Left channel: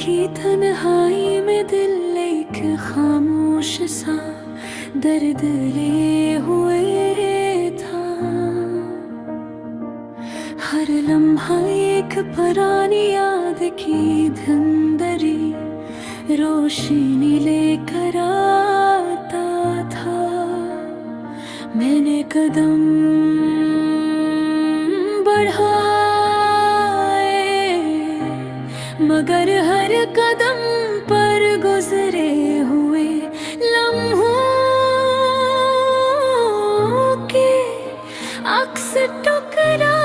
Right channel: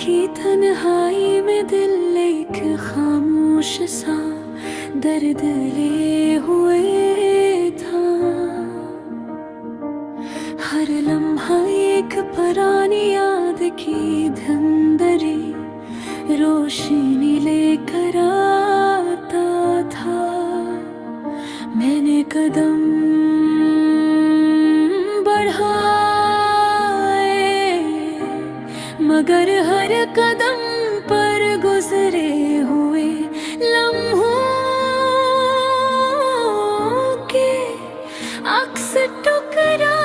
की तन्हाई में दिल एक खामोश सा दर्द ले हुए था। हर लम्हा एक पुरानी याद की धुंधली रोशनी लेकर आता था। मैंने कदम बढ़ाए मगर हर कदम पर गुजरे हुए लम्हों के अक्स टुकराए।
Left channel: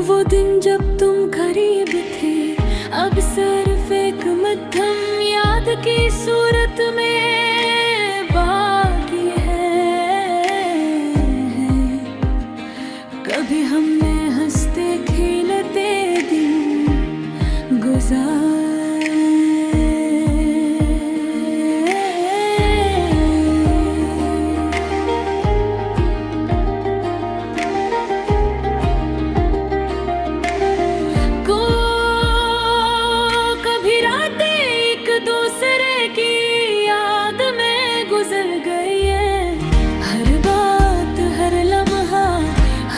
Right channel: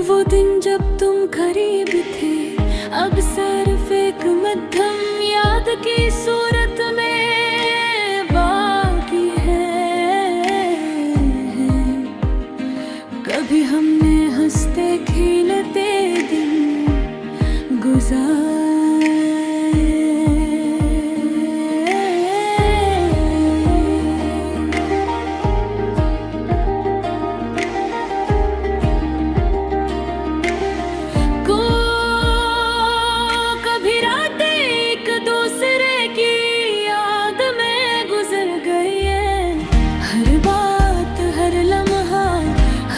वो दिन जब तुम करीब थे, अब सिर्फ एक मध्यम याद की सूरत में बाकी है। कभी हमने हंसते खेलते दिन गुजारे। कभी रातें एक दूसरे की याद में गुजर गई है। हर बात, हर लम्हा,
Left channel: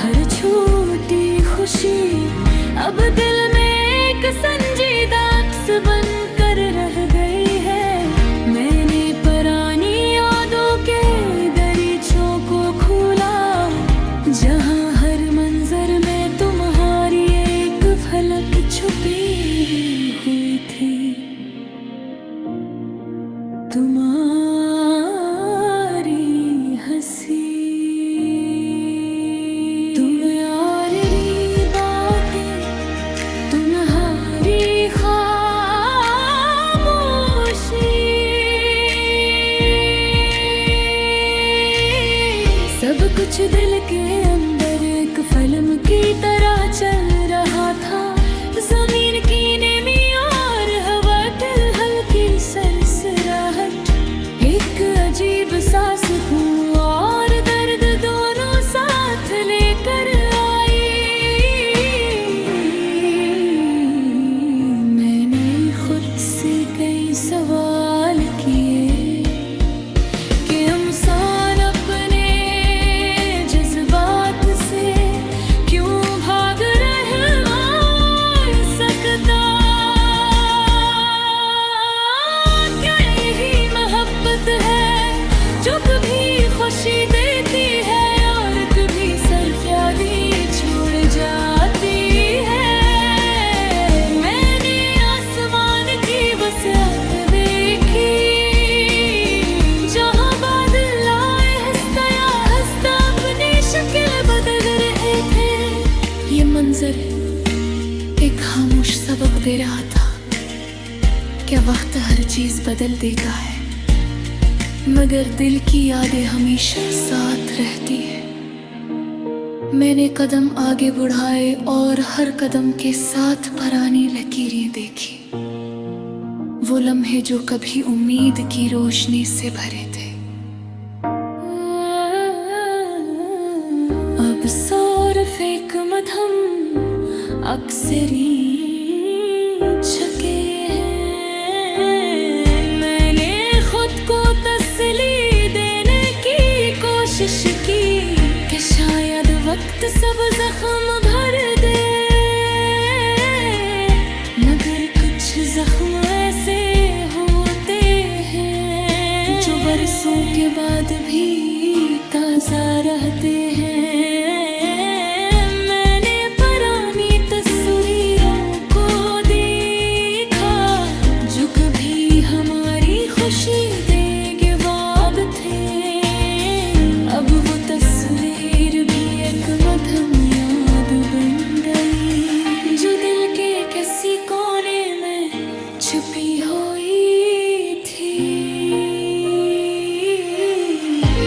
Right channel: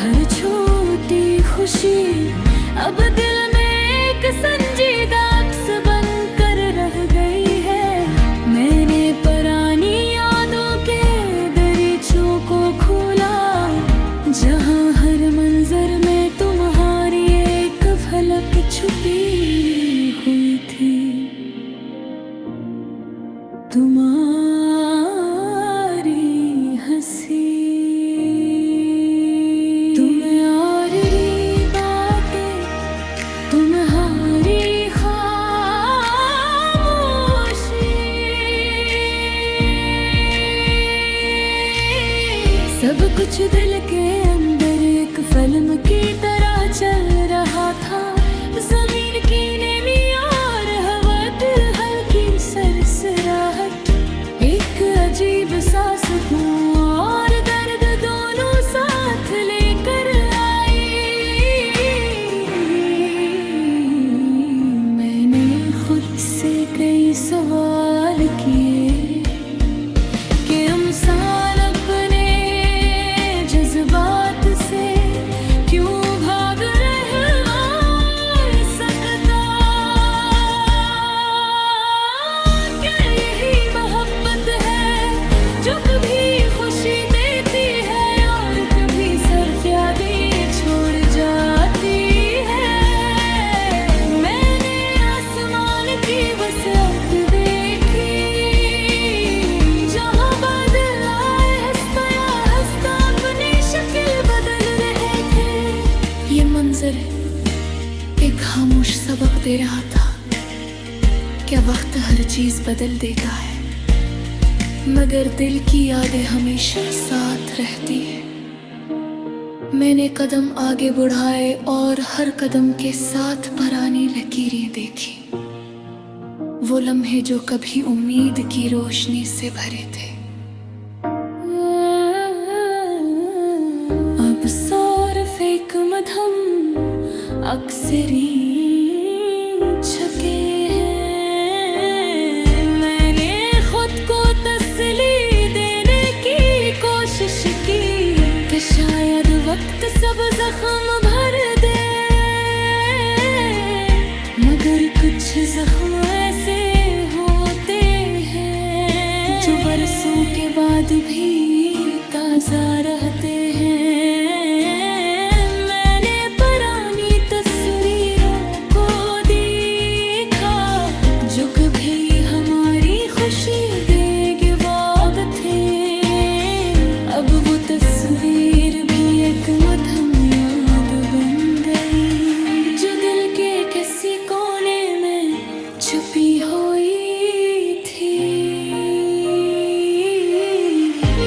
हर छोटी खुशी अब दिल में एक संजीदा अक्स बनकर रह गई है। मैंने पुरानी यादों के दरीचों को खोला, जहां हर मंजर में तुम्हारी एक झलक छुपी हुई थी। तुम्हारी हंसी, तुम्हारी बातें, तुम्हारी खामोशी, सब कुछ दिल के अंदर एक फिल्म की तरह चल रहा था। जमीन की नमी और हवा हल्की सरसराहट, एक अजीब सा सुकून और दर्द दोनों साथ लेकर आई। मैंने खुद से कई सवाल किए कि इंसान अपने जज्बात से क्यों भाग रहा सकता। क्या यही मोहब्बत है जो कभी खुशी देती है और कभी सिर्फ यादें छोड़ जाती है। मैंने आसमान की वसअत देखी, जहां बादल आए हंसता हंसता अपनी शक्ल बदल रहे थे। ये मंजर एक खामोश सबक दे रहा था। क्या वक्त हर चीज बदल देता है, मगर दिल की यादें हमेशा साथ रहती है। मैंने कदम आगे बढ़ाए और हर कदम के साथ पुरानी लकीरें देखी। वो लम्हे जो कभी उम्मीद की रोशनी से भरे थे, अब सिर्फ एक मध्यम अक्सरी छके हैं। मैंने खुद को तसल्ली देने की कोशिश की कि शायद वक्त सब जख्म भर दे, मगर कुछ जख्म ऐसे होते हैं जो बरसों के बाद भी ताजा रहते हैं। मैंने पुरानी तस्वीरों को देखा जो कभी हमारी खुशी देगे वाब थे। अब वो तस्वीर भी एक मध्यम याद बन गई, जो दिल के किसी कोने में छुपी हुई थी।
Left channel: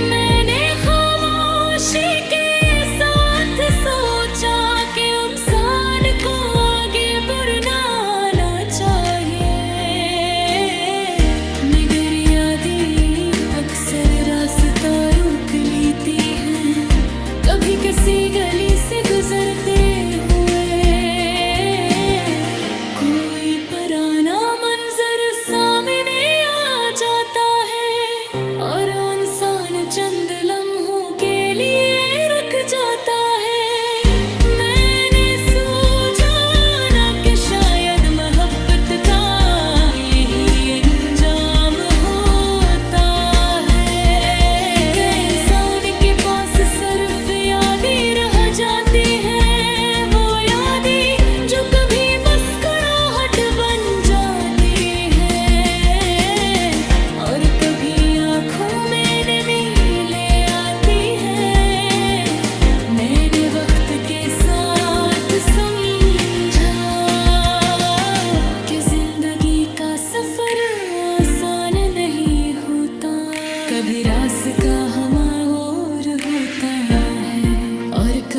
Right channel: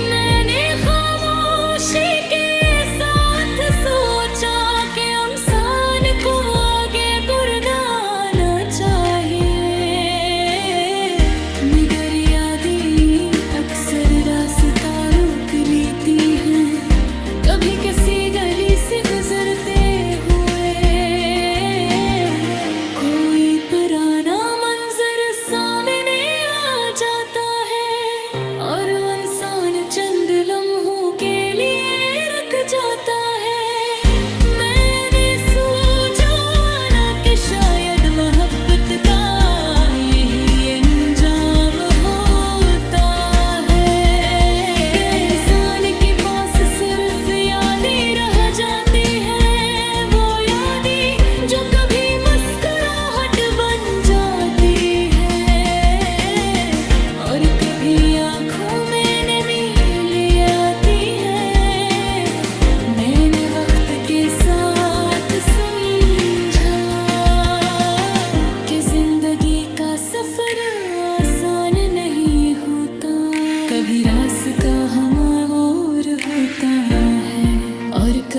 मैंने खामोशी के साथ सोचा कि इंसान को आगे बढ़ना आना चाहिए, मगर यादें अक्सर रास्ता रोक लेती हैं। कभी किसी गली से गुजरते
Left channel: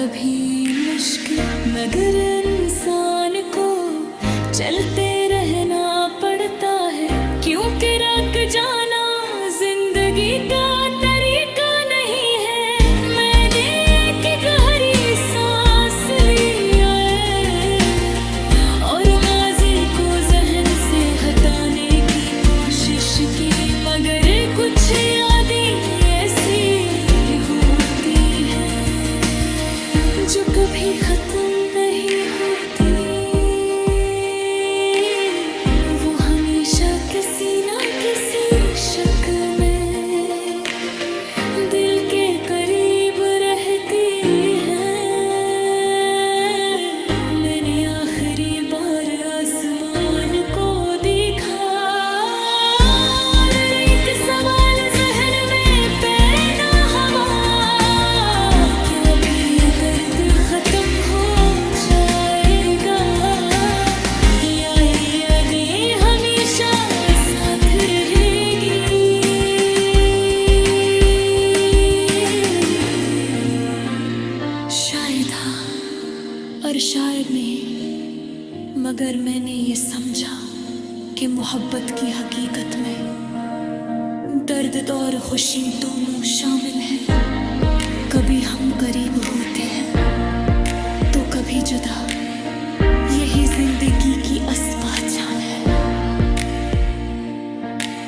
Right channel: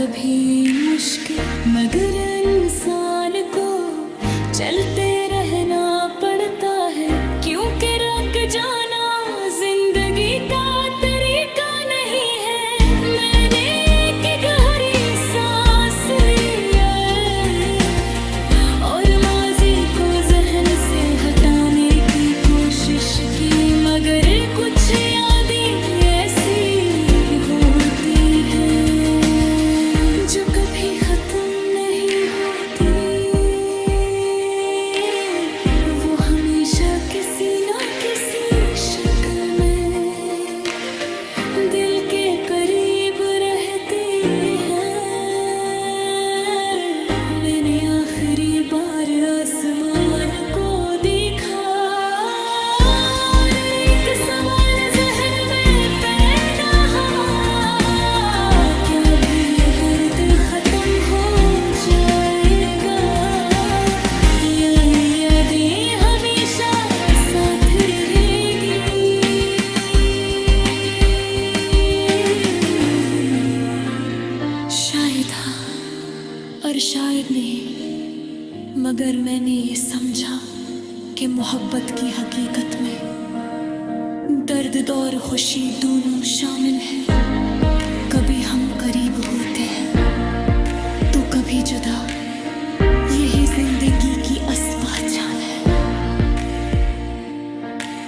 कभी मुश्किल, मगर इंसान को चलते रहना पड़ता है, क्योंकि रुक जाना जिंदगी का तरीका नहीं है। मैंने एक गहरी सांस लिया और माजी को जहन से हटाने की कोशिश की, मगर कुछ यादें ऐसी होती हैं जो कभी खत्म नहीं होती। वो हमेशा किसी ना किसी शक्ल में दिल के करीब रहती है। मैंने आखिरी बार आसमान को देखा और एक सवाल जहन में पैदा हुआ, क्या भी ये दर्द खत्म हो जाएगा या ये यादें हमेशा साथ रहेगी। शायद हाँ और शायद नहीं, मगर मैंने ये समझा कि मोहब्बत की हकीकत में दर्द और खुशी दोनों शामिल हैं। कभी हम करीब होते हैं तो कभी जुदा, यही जिंदगी की असली पहचान है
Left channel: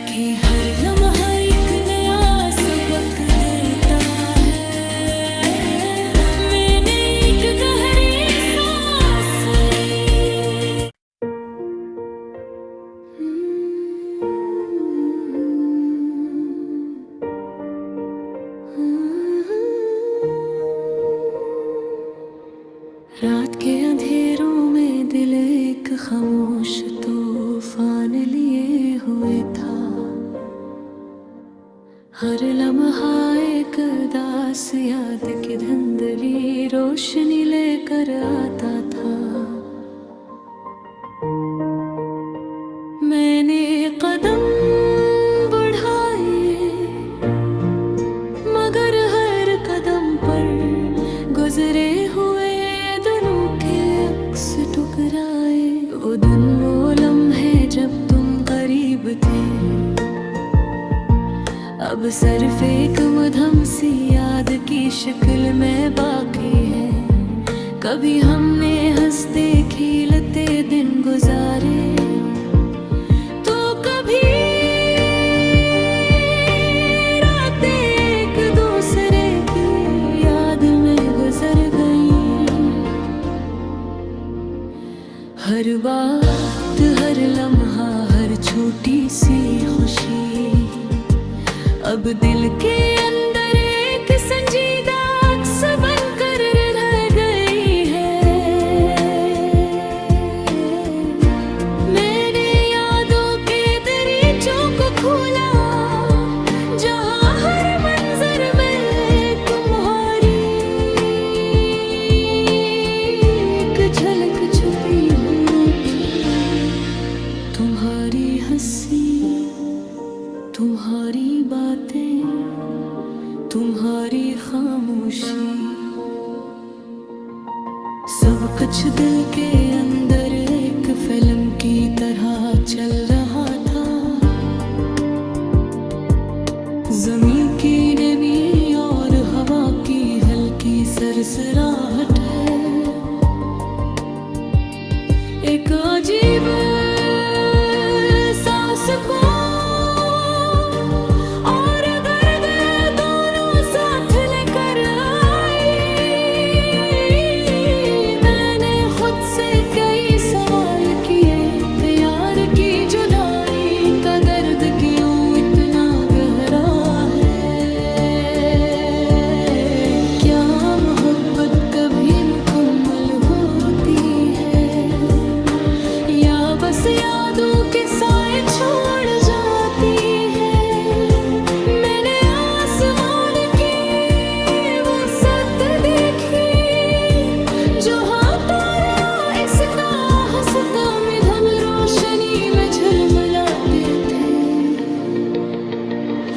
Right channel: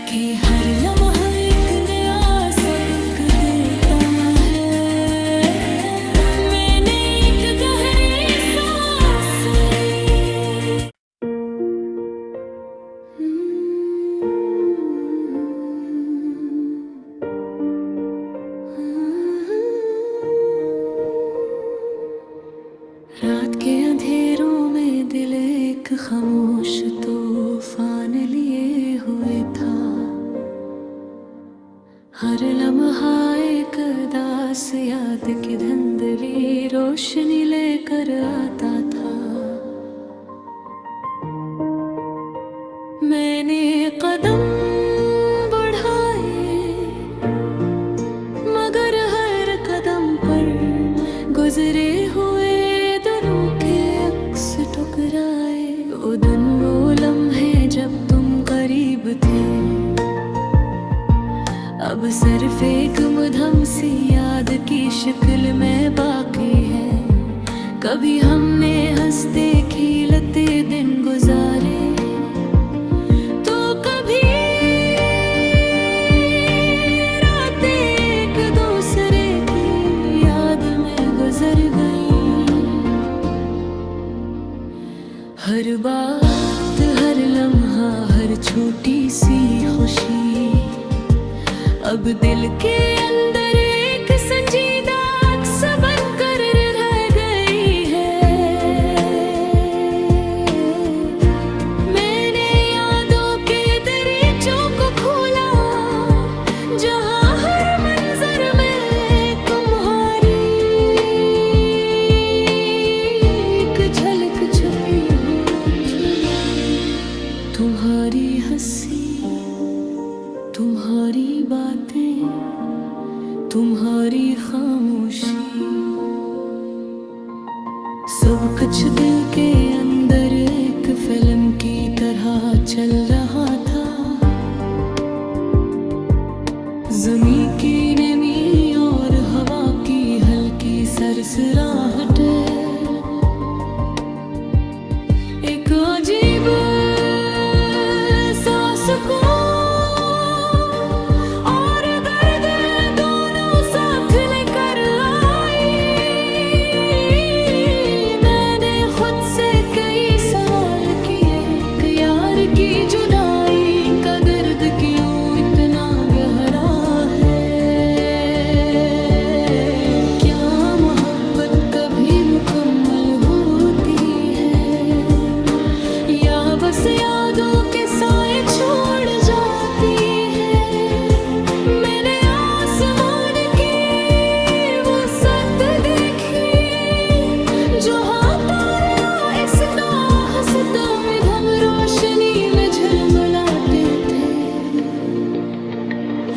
कि हर लम्हा एक नया सबक देता है। मैंने एक गहरी सांस ली। रात के अंधेरों में दिल एक खामोश तूफान लिए हुए था। हर लम्हा एक दास याद की धुंधली रोशनी लेकर आता था। मैंने कदम बढ़ाए मगर हर कदम पर गुजरे हुए टुकराए। वो दिन वो लम्हे जब तुम करीब थे, अब सिर्फ एक मधुम सी याद की शक्ल में बाकी है। कभी हमने हंसते खिलते दिन गुजारे तो कभी रातें एक दूसरे की याद में गुजर गई। हर बात, हर लम्हा, हर छोटी सी खुशी अब दिल के अंदर एक संजीदा अक्स बनकर रह गई है। मैंने यादों के दरीचों को खोला, जहां हर मंजर में तुम्हारी एक झलक छुपी हो। तुम्हारी हंसी, तुम्हारी बातें, तुम्हारी खामोशी, सब कुछ दिल के अंदर एक फिल्म की तरह चल रहा था। ज़मीं की नमी और हवा की हल्की सरसराहट एक अजीब सांस को और दर्द दोनों साथ लेकर आई। मैंने खुद से कई सवाल किए कि यार की जुदाई का दर्द क्यों इतना गहरा है। क्या मोहब्बत कभी मुकम्मल होती है या बस यादों के साए छोड़ जाती है। मैंने आसमान की वो सत देखी जहाँ तारे आहिस्ता हंसता मधुम रोशनी में झलमलाते थे।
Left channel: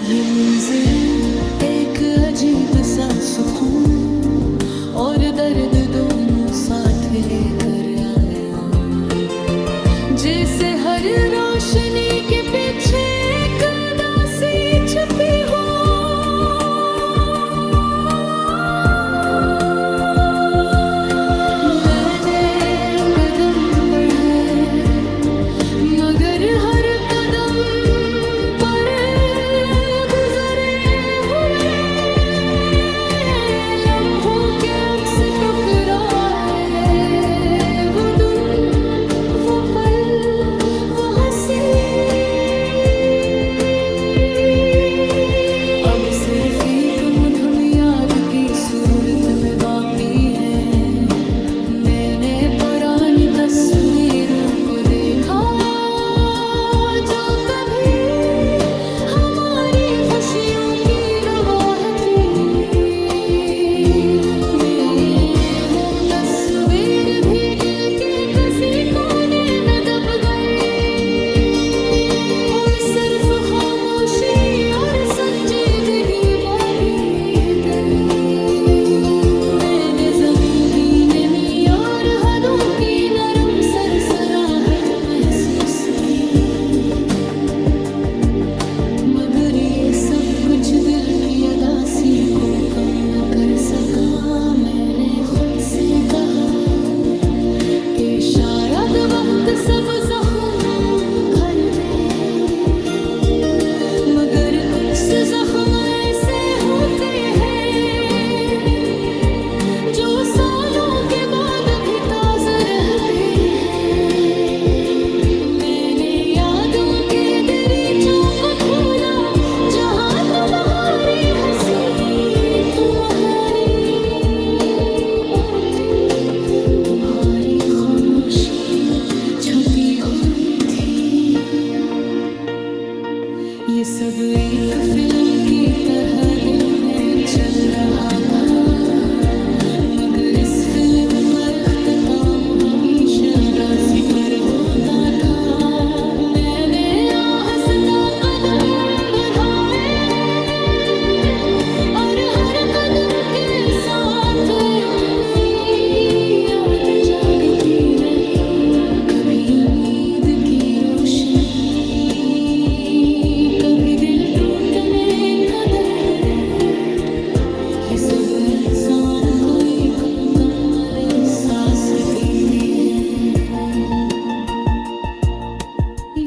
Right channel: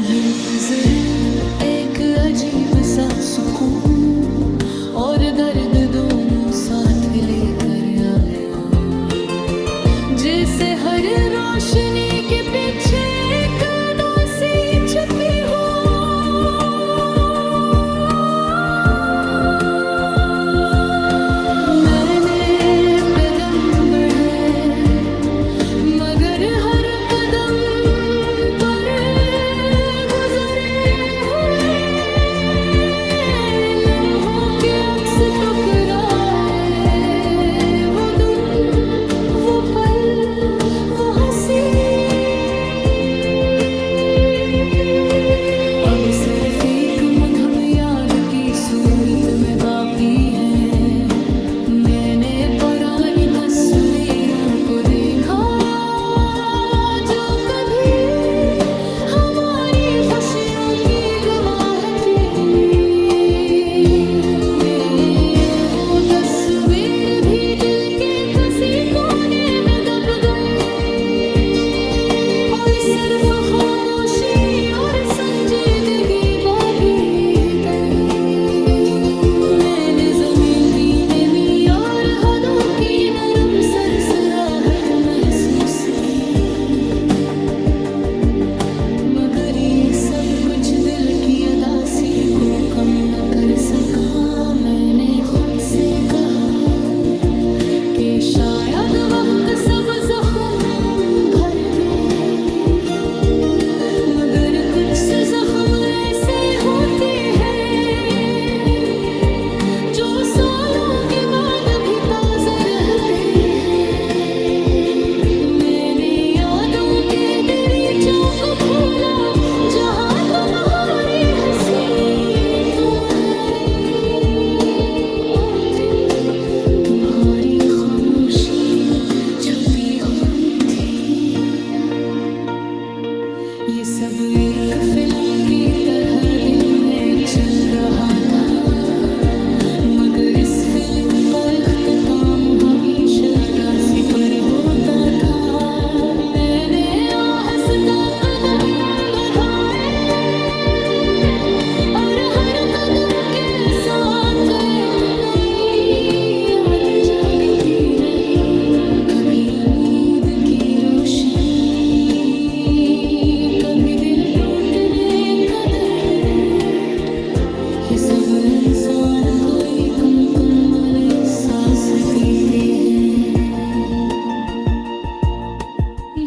ये मंजर एक अजीब सा सुकून और दर्द दोनों साथ लेकर आया, जैसे हर रोशनी के पीछे एक उदासी छुपी हो। मैंने कदम बढ़े मगर हर कदम पर गुजरे हुए लम्हों के अक्स टकराए, वो दिन वो पल वो हंसी। अब सिर्फ एक मुद्दम याद की सूरत में बाकी है। मैंने पुरानी तस्वीरों को देखा जो कभी हमारी खुशियों की गवाह थी। वो तस्वीर भी दिल के किसी कोने में दब गई और सिर्फ खामोशी और संजीदगी बाकी गई। मैंने ज़मीं की नमी और हदों की नरम सरसराहट महसूस की, मगर ये सब कुछ दिल की अदासी को कम न कर सका। मैंने खुद से कहा कि शायद वक्त सब जख्म भर दे, मगर कुछ जख्म ऐसे होते हैं जो सालों के बाद भी ताज़ा रहते हैं। मैंने यादों के दरीचों को खोला जहाँ तुम्हारी हंसी, तुम्हारी बातें, तुम्हारी खामोशी छपी हुई थी। ये सब एक फिल्म की तरह दिल में चल रहा था, मगर इस फिल्म का इख्तिताम हमेशा अदासी पर होता था। मैंने आहिस्ता कदम बढ़ाए और हर कदम के साथ एक नई याद जागती रही। कभी उम्मीद की रोशनी, कभी दिल टूटने का दर्द। ये सब इंसान को एक मुकम्मल एहसास देते हैं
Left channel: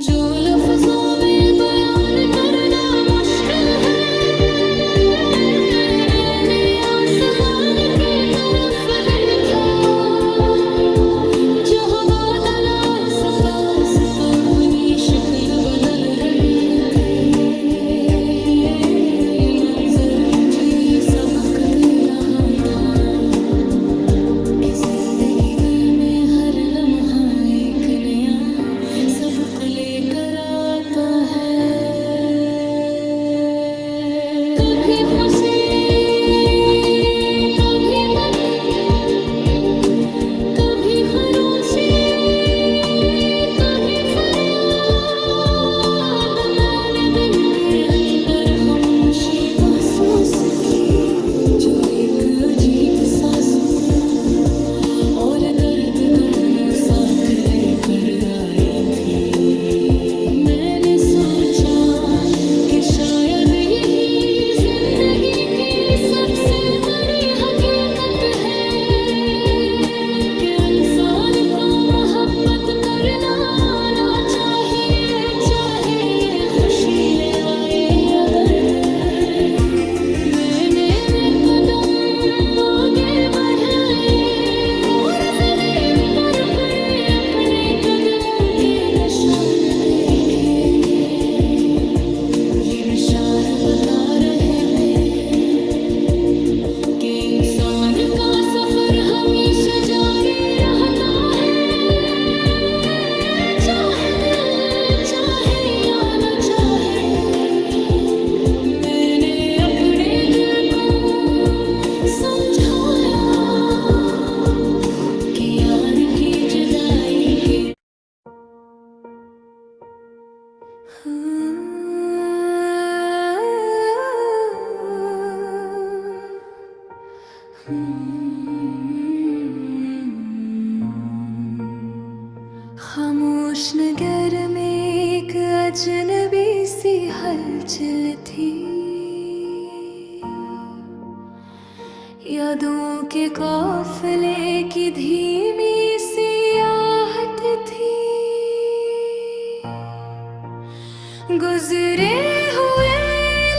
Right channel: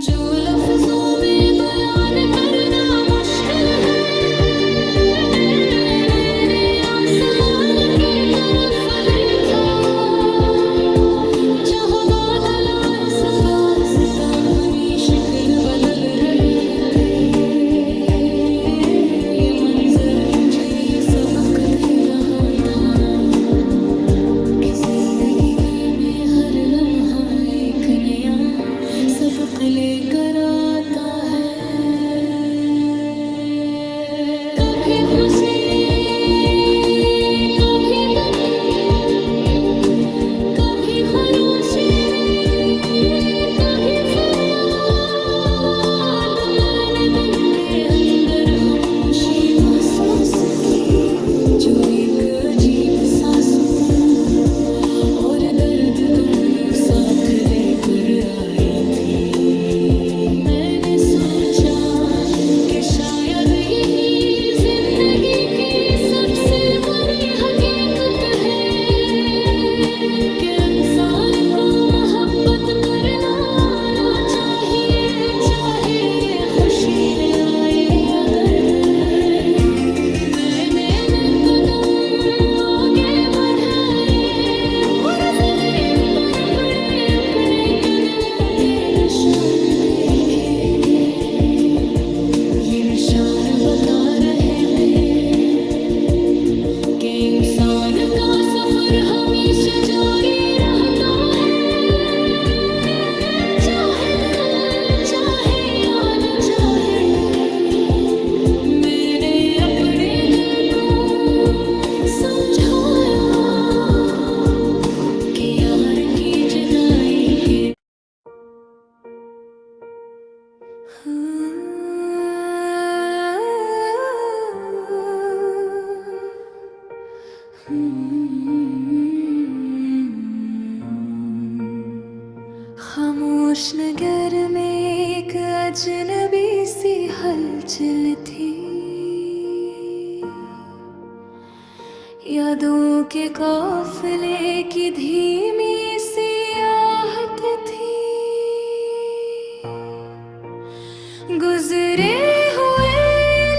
जो लफ्जों में बयान करना मुश्किल है। मैंने आसमान की तरफ देखा जहाँ बादल आहिस्ता आहिस्ता अपनी शक्ल बदल रहे थे। ये मंजर मुझे ये सबक दे रहा था कि जिंदगी में हर लम्हा एक नया सबक लेकर आता है। कभी खुशी, कभी गम, कभी खरोशी, कभी फरियाद। मैंने दिल के अंदर खामोशी महसूस की जो एक अजीब सा सुकून और दर्द दोनों साथ लेकर आई थी। मैंने सोचा कि शायद यही जिंदगी की सबसे बड़ी हकीकत है कि इंसान को मोहब्बत करना आना चाहिए, चाहे ये खुशी ले आए या दर्द। मैंने कदम आगे बढ़ाए और ज़मीन पर पड़े अपने कदमों के निशान देखे। ये निशान बता रहे थे कि इंसान का सफर हमेशा जारी रहता है, चाहे दिल चाहे या न चाहे। मैंने अपने दिल को समझाया कि यार की जुदाई के Hmm. खामोश नगर में एक अजनबी सी हलचल थी। यादों के काफिले की धीमी सी आहट थी। गुजरे हुए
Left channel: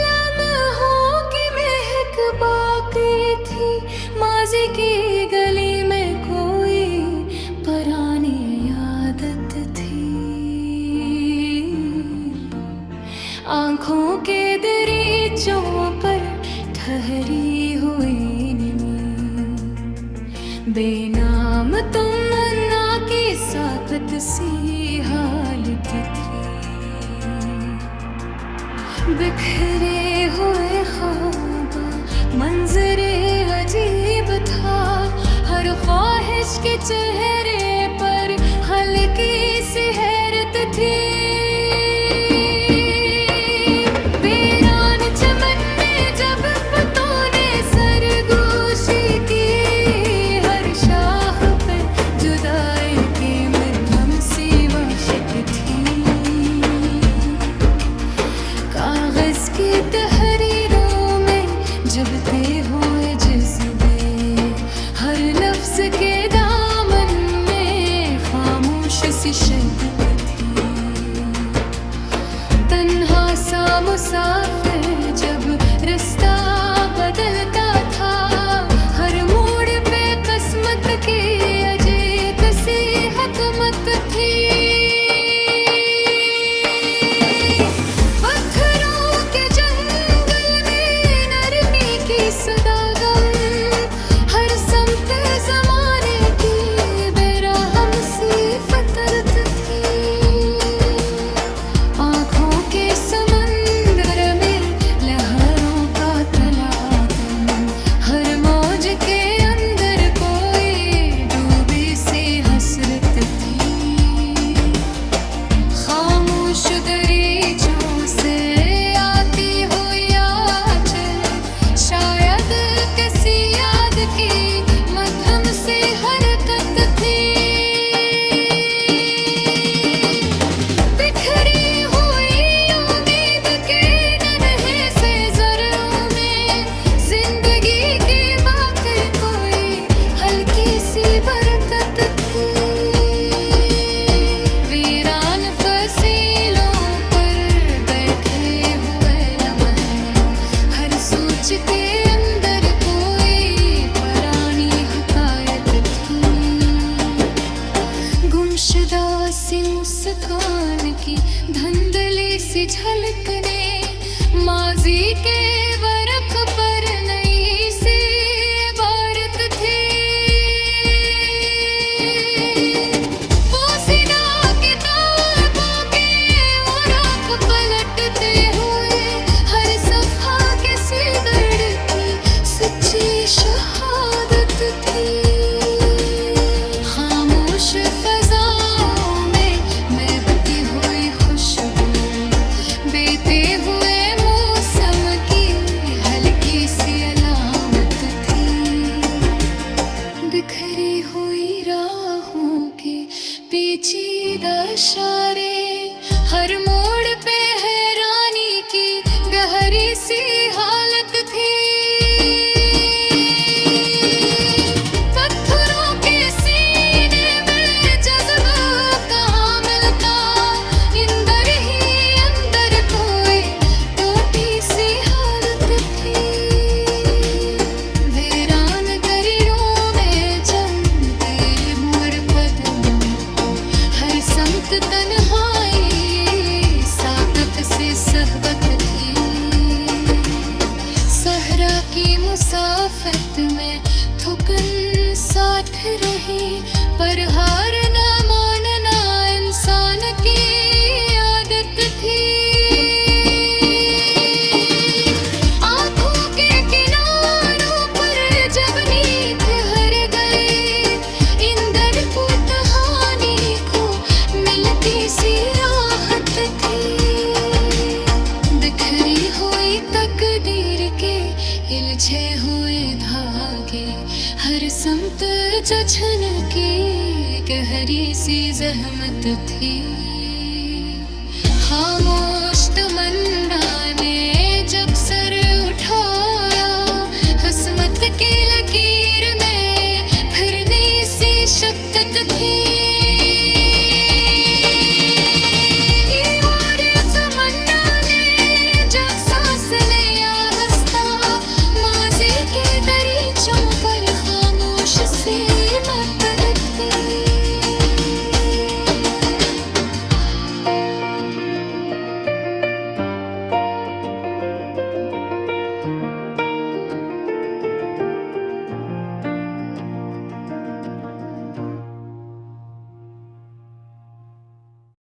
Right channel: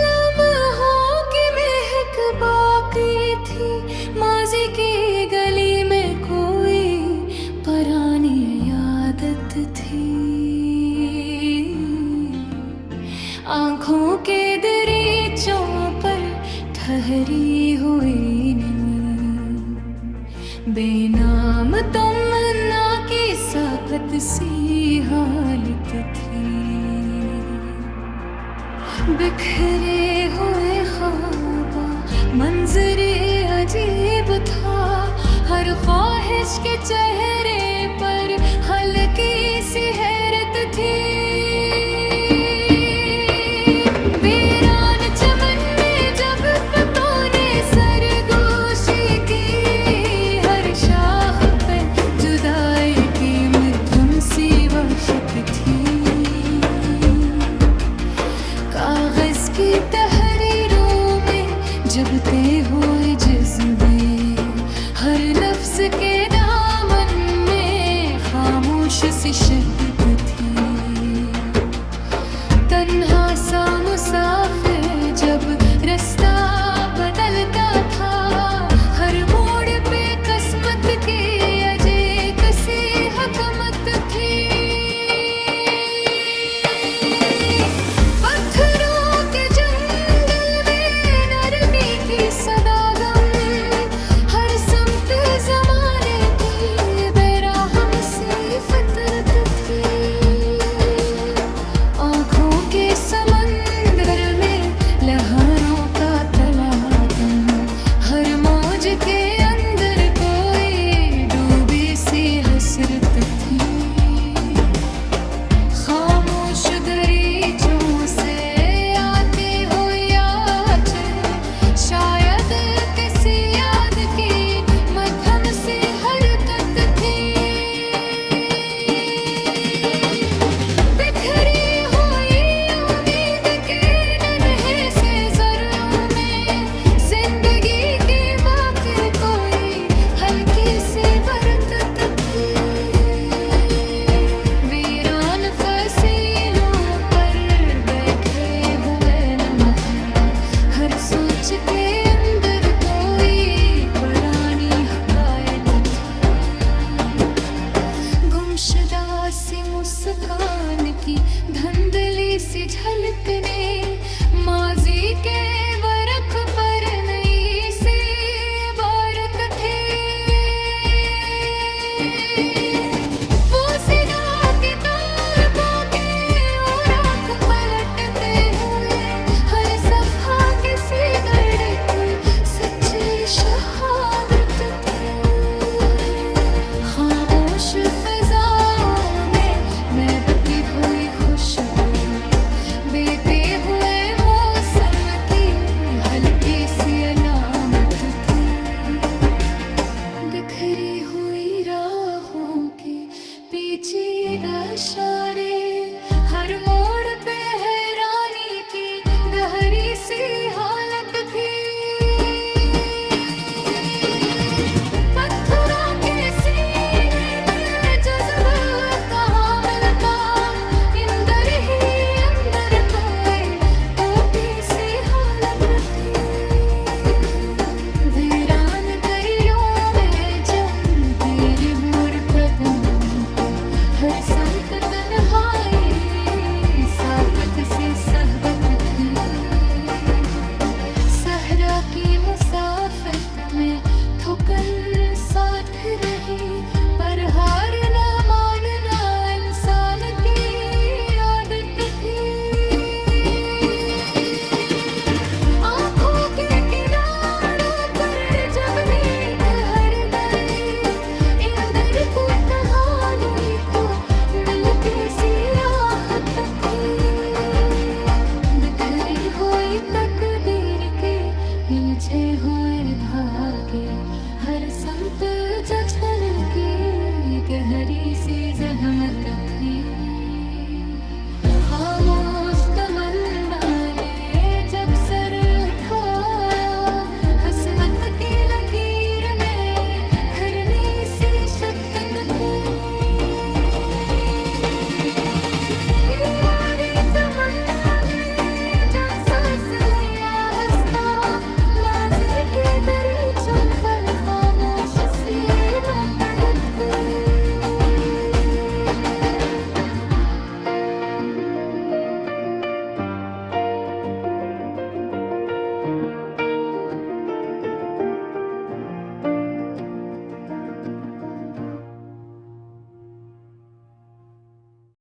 लम्हों की महक बाकी थी। माजी की गली में कोई पुरानी आदत थी। आंखों के दरीचों पर ठहरी हुई नींद, बेनाम तमन्ना की साफत सी हालत थी। बिखरे हुए ख्वाबा मंजरे अजीब था। हर ख्वाहिश के चेहरे पर हल्की सी हैरत थी। वीरान चमन में जब पत्तों ने सरगोशी की, हर शाख पे जुदाई की मध्यम सी वाशिक थी। कागज की तहरीरों में जबते हुए जज्बे, हर लफ्ज के दामन में खामोश सी शिद्दत थी। तन्हा सा मुसाफिर जब रास्ता बदलता था, हर मोड़ पे किस्मत की अजीब सी हकमत थी। खामोश दरीचों से आती हुई आवाज़, शायद किसी याद की मध्यम सी हरकत थी। बिखरी हुई उम्मीद के नन्हे से ज़र्रों में, जिंदगी की बाकी कोई हल्की सी बरकत थी। के अंदर कोई पुरानी हकायत थी। गुमशुदा सी मुस्कान की धुंधली सी झलक ने माजी के वरक पर नई सी इबारत थी। वो सीना किताबों के औराख पलटते हुए, हर सफ़ा किसी शहादत थी। खामोश फ़ज़ाओं में महकती हुई खुशबू, बीते हुए मौसम की हल्की सी अलामत थी। बिखरी हुई राहों के पेचीदा इशारे, हर मोड़ पे हैरानी की गहरी सी हालत थी। तन्हाई साकत से सहबत थी। सहरा की मुसाफत में थुकन साथ रही, पर हार ना मानना इंसान की आदत थी। आँखों के किनारों पर जब नींद हर गई, इंदर को कहानी को मिलती सी राहत थी। बिखरी हुई तकदीर के हिलझे हुए धागे, हर समत जछन की गहरी सी जहमत थी। खामोश तमन्ना ने जब सर उठाया, हसमत की लकीर में भरनी सी शक्कत थी।